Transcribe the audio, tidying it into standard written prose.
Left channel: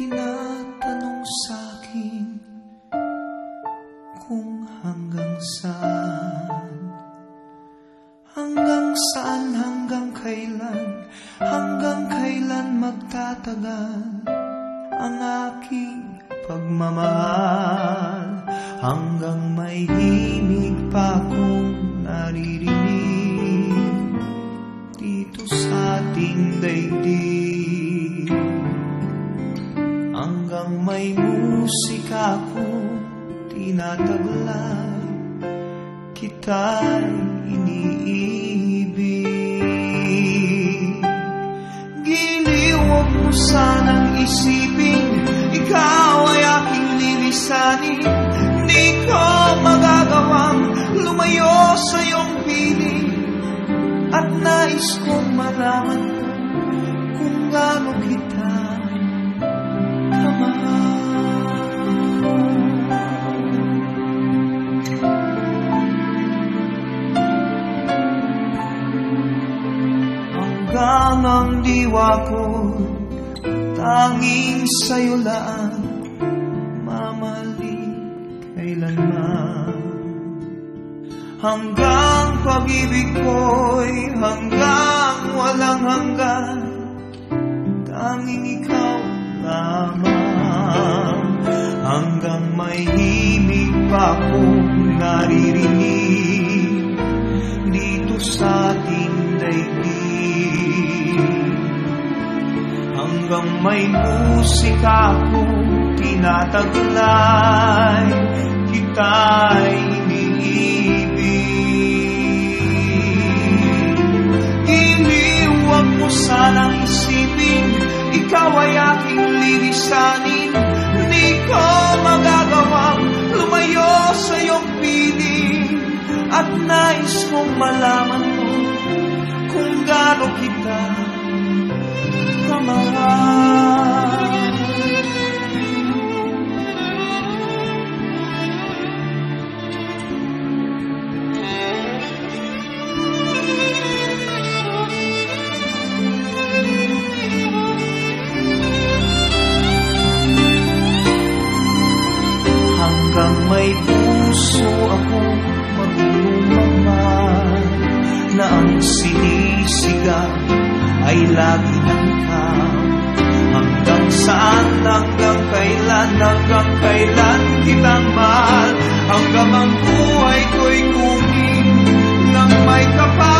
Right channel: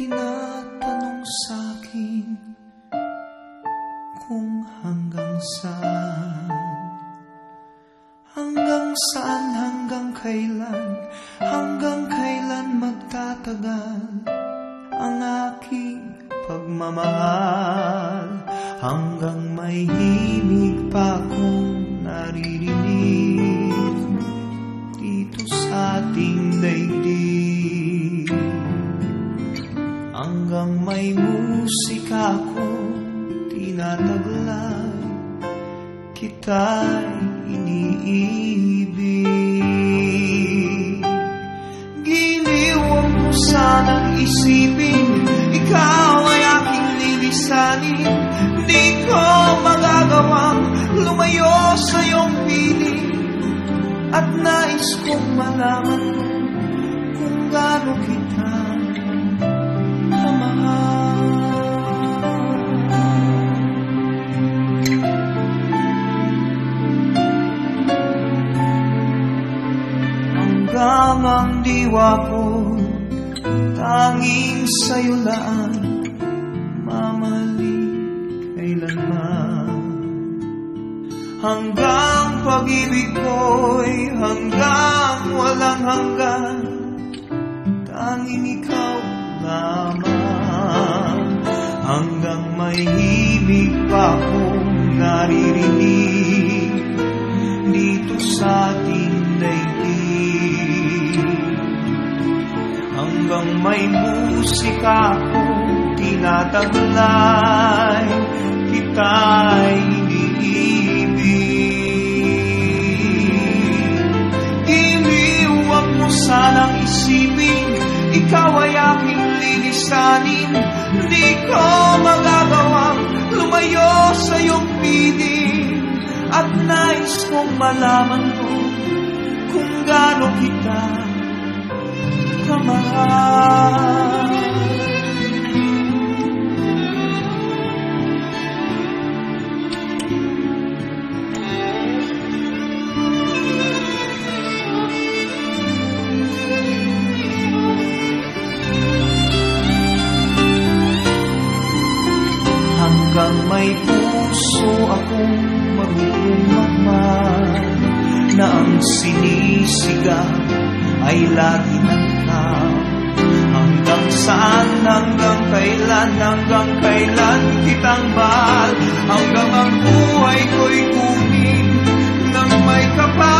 tinatanong sa'kin kung hanggang saan, hanggang saan, hanggang kailan magtatagal ang aking pagmamahal, hanggang may himig pa akong naririnig dito sa ating daigdig, hanggang may musika akong tinataglay, kita'y iniibig. Giliw, huwag mo sanang isipin ikaw ay aking lilisanin. Di ko magagawang lumayo sa iyong piling, at nais kong malaman mo kung gaano kita kamahal. Hanggang ang diwa ko tanging sa'yo laan, mamalik kailanman. Hanggang pag-ibig ko'y hanggang walang hanggan, tanging ikaw lamang. Hanggang may himig pa akong naririnig dito sa ating daigdig, hanggang may musika akong tinataglay, kita'y iniibig. Giliw, huwag mo sanang isipin ikaw ay aking lilisanin. Di ko magagawang lumayo sa iyong piling, at nais kong malaman mo kung gaano kita kamahal. Hanggang may puso akong marunong magmahal, na ang sinisigaw ay lagi ng ikaw. Hanggang saan, hanggang kailan kitang mahal, hanggang ang buhay ko'y kunin ng may kapal.